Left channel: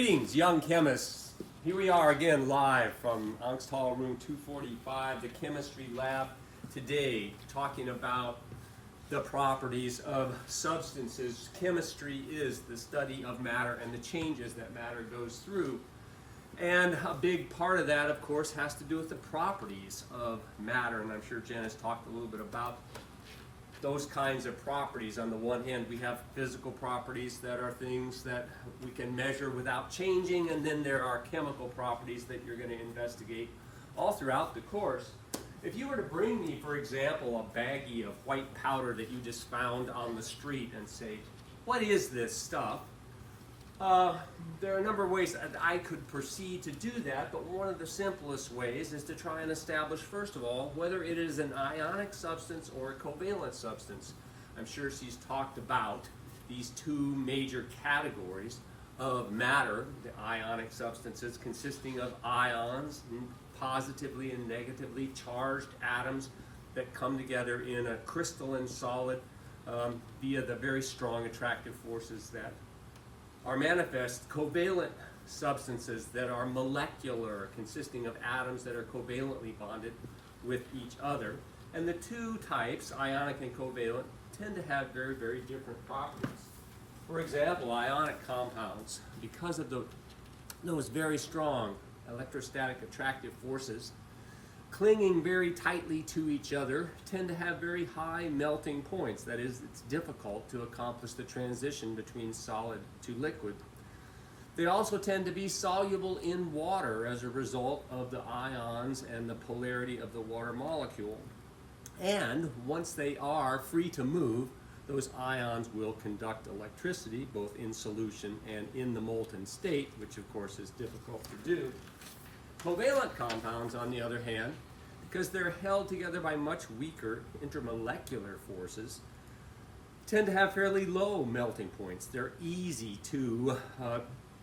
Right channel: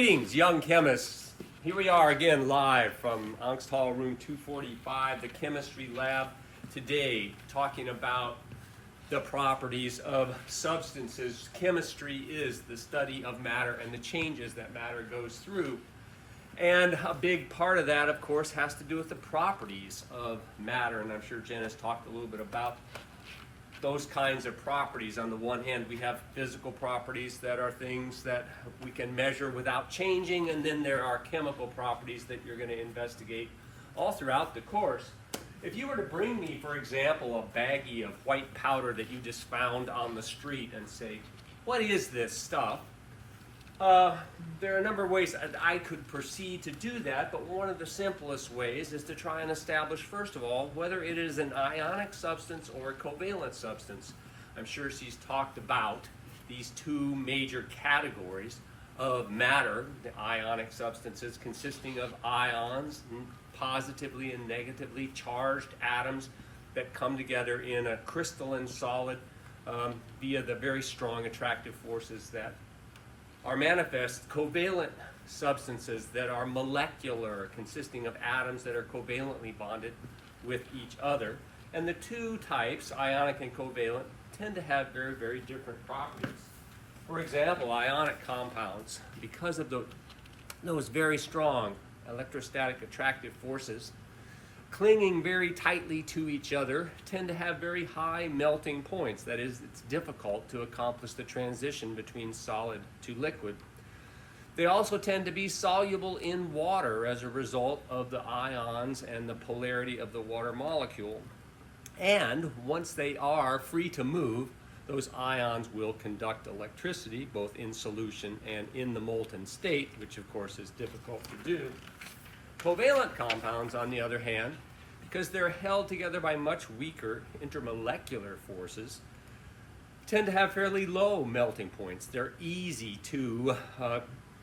Greetings, young chemists. Here we are again live from Angst Hall room 245, the chemistry lab. Today, talking about the properties of substances. Chemistry is the study of matter and the changes that matter goes through. And a big part of that, of course, has to do with the properties of matter. And I'm sure Jen has talked a little bit about those kinds of properties. On the one hand, we have physical properties that are things that we can measure without changing, and then there are chemical properties that you're going to investigate all throughout the course. If you were to bring me, for example, a baggie of white powder that you just found on the street and say, what is this stuff? There are a number of ways I could proceed to do that, but one of the simplest ways is to try and establish, first of all, whether it is an ionic substance or a covalent substance. I'm sure she's talked about these two major categories of matter, the ionic substances consisting of ions, positively and negatively charged atoms that come together in a crystalline solid via the very strong attractive forces that are manifest. Covalent substances that are molecular, consisting of atoms that are covalently bonded with each other. And the two types, ionic and covalent, tend to have very, very different properties. For example, ionic compounds, because of those very strong electrostatic attractive forces, clinging very tightly to each other, tend to have very high melting points. That is, it's difficult to accomplish the transition between solid to liquid. They also tend to be soluble in water as a result of the ions and the polarity of the water molecule. And once they are free to move, those ions will conduct electricity both in solution and in the molten state, which of course is difficult to do. Covalent compounds, on the other hand, because they're held together by much weaker intermolecular forces, tend to have fairly low melting points. They're easy to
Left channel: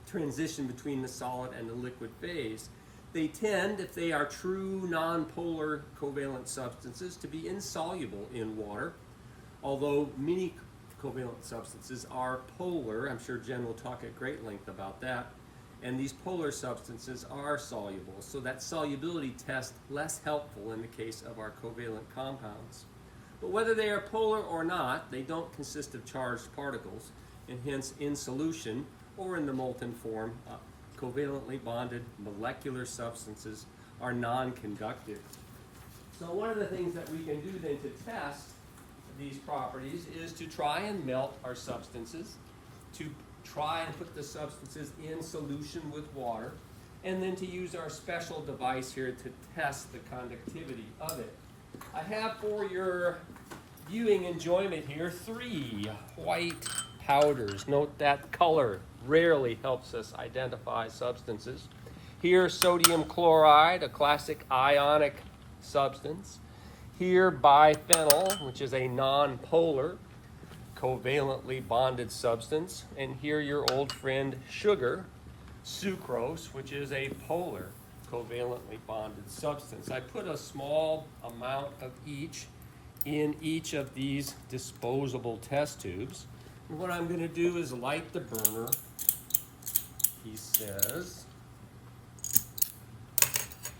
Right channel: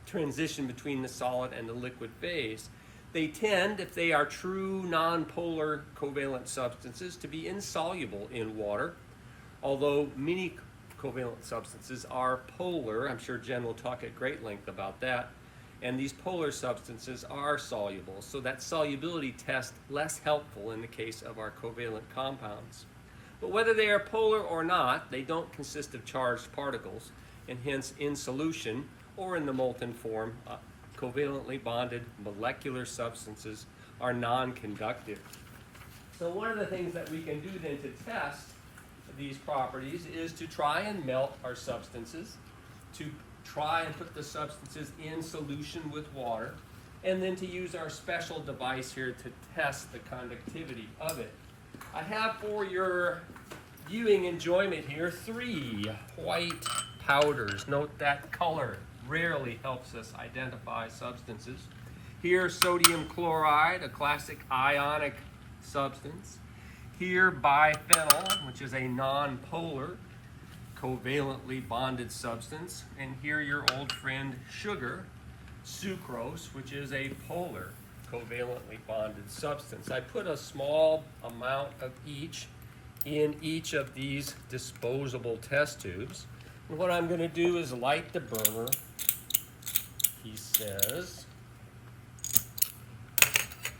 transition between the solid and the liquid phase. They tend, if they are true nonpolar covalent substances, to be insoluble in water, although many covalent substances are polar. I'm sure Jen will talk at great length about that. And these polar substances are soluble, so that solubility test less helpful in the case of our covalent compounds. But whether they are polar or not, they don't consist of charged particles, and hence in solution or in the molten form, covalently bonded molecular substances are non-conductive. So one of the things that we can do then to test these properties is to try and melt our substances, to try and put the substances in solution with water, and then to use our special device here to test the conductivity of it. I have for your viewing enjoyment here 3 white powders. Note that color rarely helps us identify substances. Here, sodium chloride, a classic ionic substance. Here, biphenyl, which is a non-polar covalently bonded substance, and here your old friend sugar, sucrose, which is a polar covalently bonded substance. I put a small amount of each in each of these disposable test tubes, and what I'm going to do is light the burner, he says,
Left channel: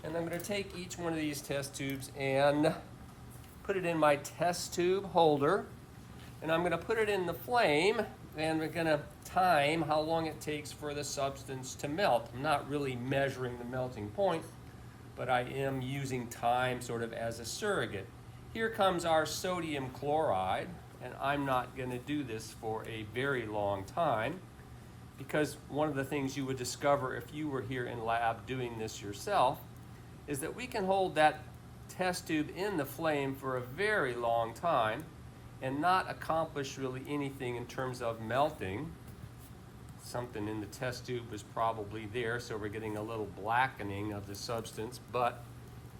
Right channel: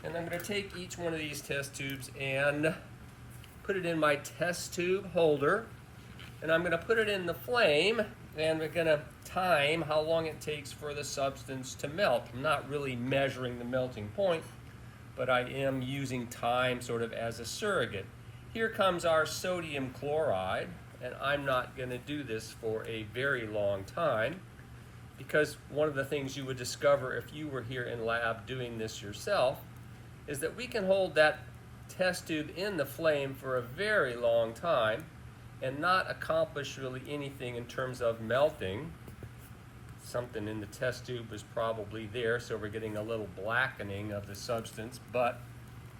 and I'm going to take each one of these test tubes and put it in my test tube holder. And I'm going to put it in the flame, and we're going to time how long it takes for the substance to melt. I'm not really measuring the melting point, but I am using time sort of as a surrogate. Here comes our sodium chloride, and I'm not going to do this for a very long time, because one of the things you would discover if you were here in lab doing this yourself is that we can hold that test tube in the flame for a very long time and not accomplish really anything in terms of melting. Something in the test tube was probably there, so we're getting a little blackening of the substance, but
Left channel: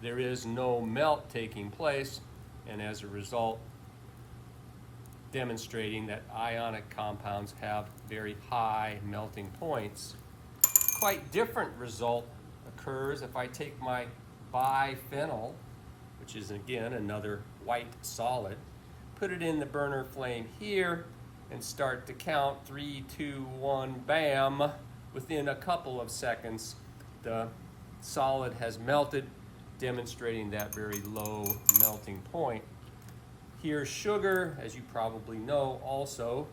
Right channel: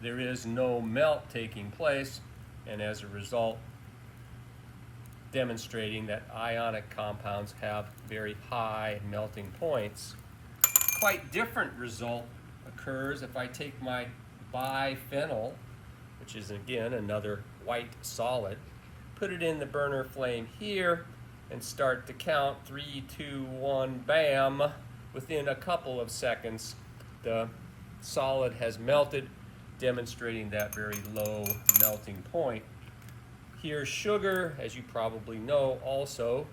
there is no melt taking place, and as a result, demonstrating that ionic compounds have very high melting points. Quite different result occurs if I take my biphenyl, which is again another white solid, put it in the burner flame here, and start to count 3, 2, 1, bam, within a couple of seconds, the solid has melted, demonstrating that very low melting point. Here, sugar, as you probably know, also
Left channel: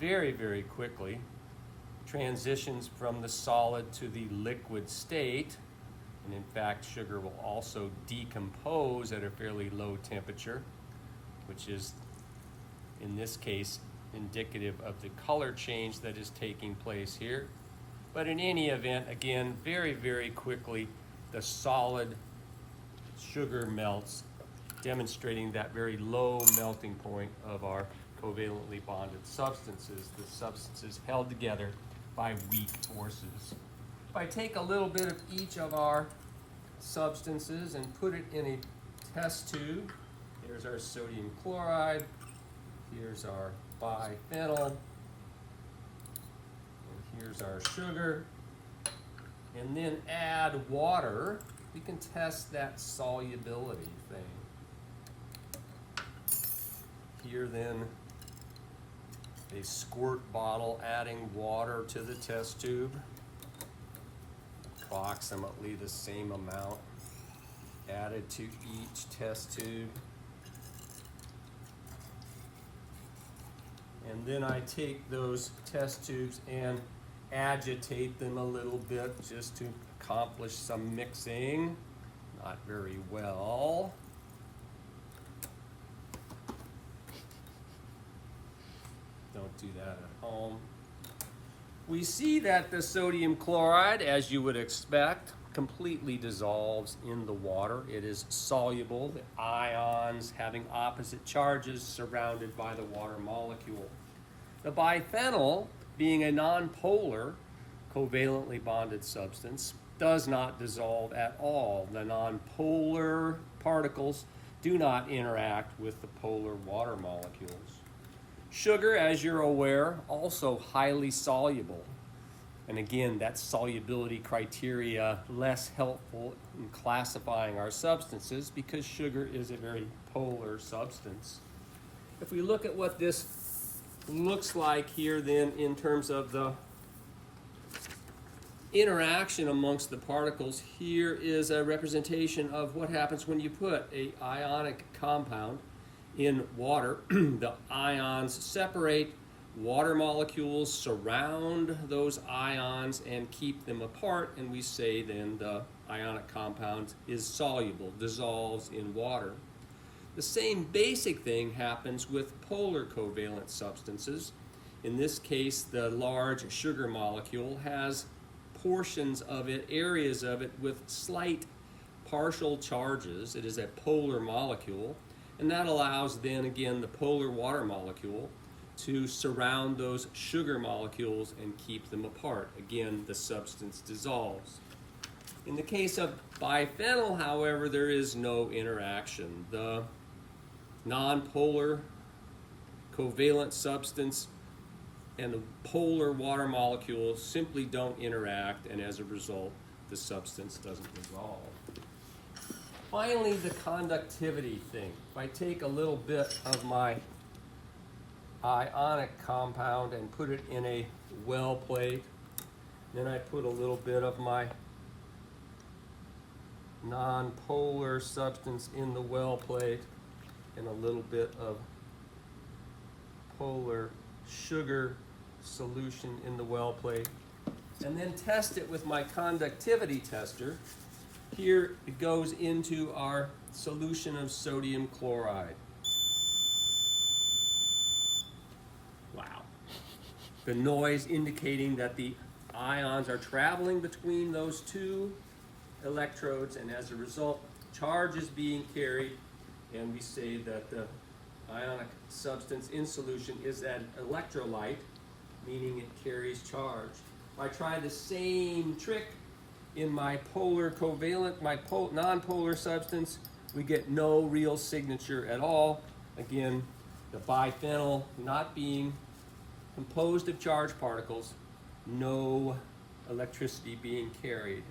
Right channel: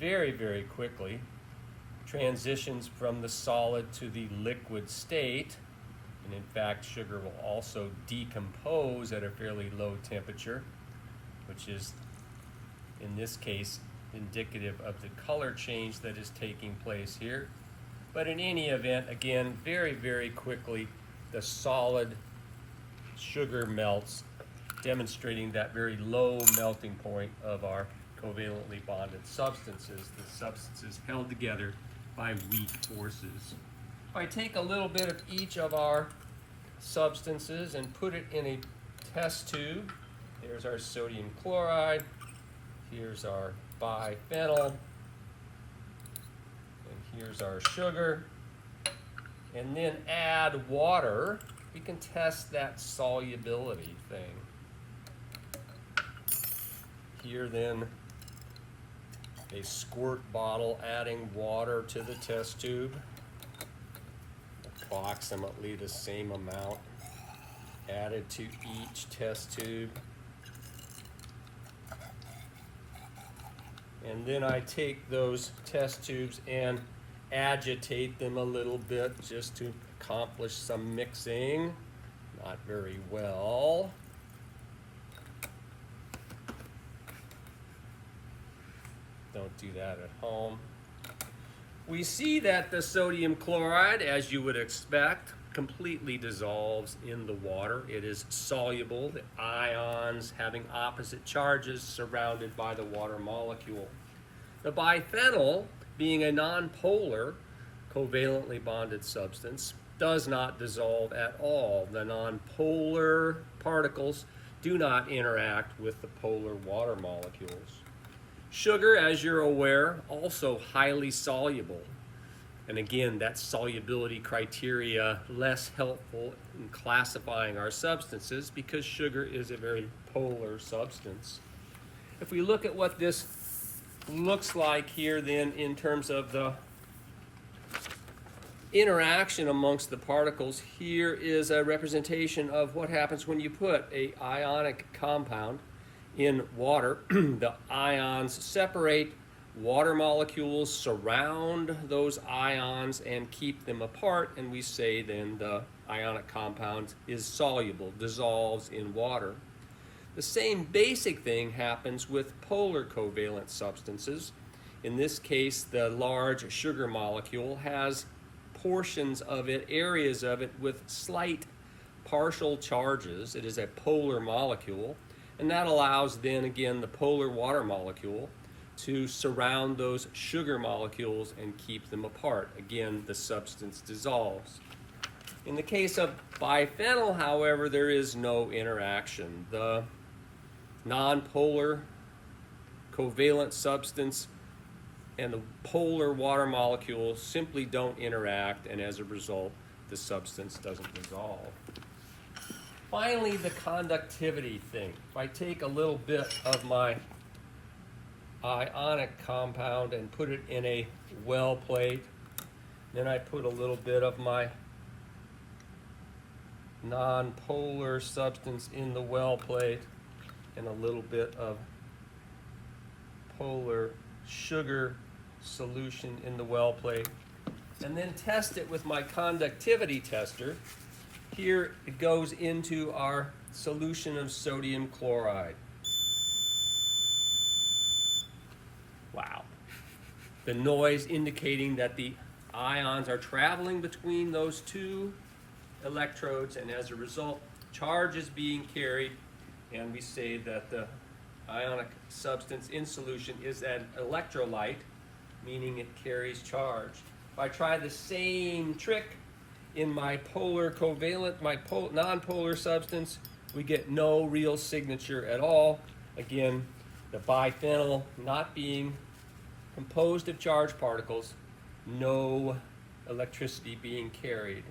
very, very quickly transitions from the solid to the liquid state. And in fact, sugar will also decompose at a fairly low temperature, which is, in this case, indicative of the color change that is taking place here. But in any event, again, very, very quickly, the solid sugar melts, demonstrating that very low melting point of our covalently bonded substances, the substances held together by weak forces. If I take a little bit of each of our substances and put it in a test tube, here's our sodium chloride, here's our biphenyl, and here's our sugar, and then add water, we can test that solubility thing. Here then, a squirt bottle adding water to the test tube, approximately the same amount added to each test tube. And then I take those test tubes and agitate them a little bit just to accomplish some mixing. Not very well. Don't do that at home. We see that the sodium chloride, as you would expect, completely dissolves in the water. It is soluble, the ions having opposite charges surrounded by the water molecule. The biphenyl, being a nonpolar covalently bonded substance, does not dissolve at all. The nonpolar particles do not interact with the polar water molecules. Sugar, as you're aware, also highly soluble. And again, that solubility criteria less helpful in classifying our substances because sugar is a very polar substance. If we look at what this looks like here then in terms of the interaction amongst the particles, here is a representation of what happens when you put an ionic compound in water. The ions separate, water molecules surround those ions and keep them apart, and we say then the ionic compound is soluble, dissolves in water. The same basic thing happens with polar covalent substances. In this case, the large sugar molecule has portions of it, areas of it with slight partial charges. It is a polar molecule. And that allows then again the polar water molecule to surround those sugar molecules and keep them apart. Again, the substance dissolves. In the case of biphenyl, however, there is no interaction. The nonpolar covalent substance and the polar water molecules simply don't interact, and as a result, the substance doesn't dissolve. Finally, the conductivity thing. If I take a little bit of my ionic compound and put it in a well plate, then I put a little bit of my nonpolar substance in the well plate and a little bit of polar sugar solution in the well plate, and then test it with my conductivity tester. Here it goes into our solution of sodium chloride. Wow. The noise indicating that the ions are traveling between those two electrodes, and as a result, charge is being carried, and we say that the ionic substance in solution is an electrolyte, meaning it carries charge. If I try the same trick in my polar covalent, my nonpolar substance, we get no real signature at all. Again, the biphenyl not being composed of charged particles, no electricity being carried.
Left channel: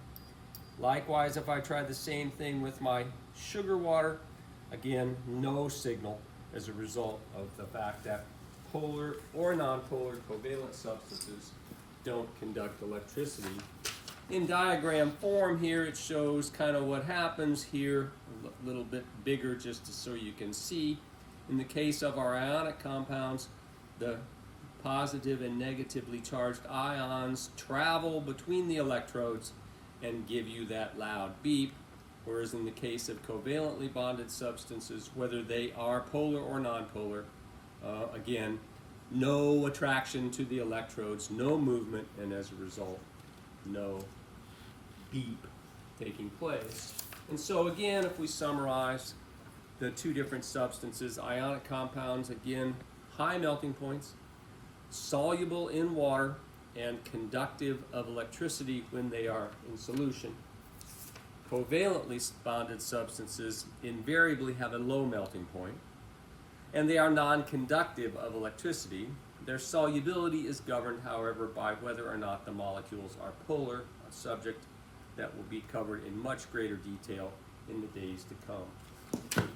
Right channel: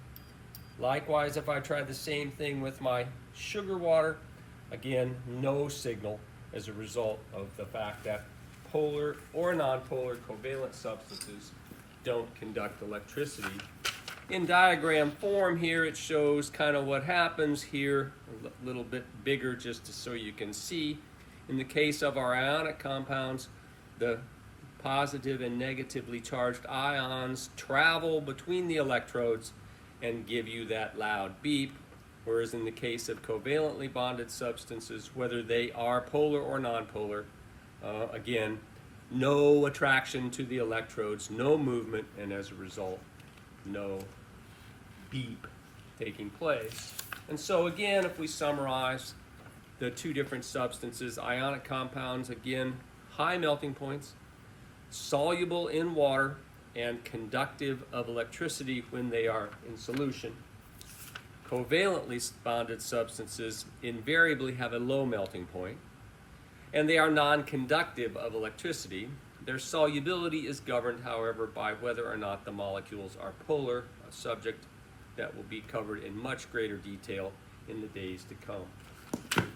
Likewise, if I try the same thing with my sugar water, again, no signal as a result of the fact that polar or nonpolar covalent substances don't conduct electricity. In diagram form here, it shows kind of what happens here, a little bit bigger just so you can see. In the case of our ionic compounds, the positive and negatively charged ions travel between the electrodes and give you that loud beep, whereas in the case of covalently bonded substances, whether they are polar or nonpolar, again, no attraction to the electrodes, no movement, and as a result, no beep taking place. And so again, if we summarize the two different substances, ionic compounds, again, high melting points, soluble in water, and conductive of electricity when they are in solution. Covalently bonded substances invariably have a low melting point, and they are non-conductive of electricity. Their solubility is governed, however, by whether or not the molecules are polar, a subject that will be covered in much greater detail in the days to come.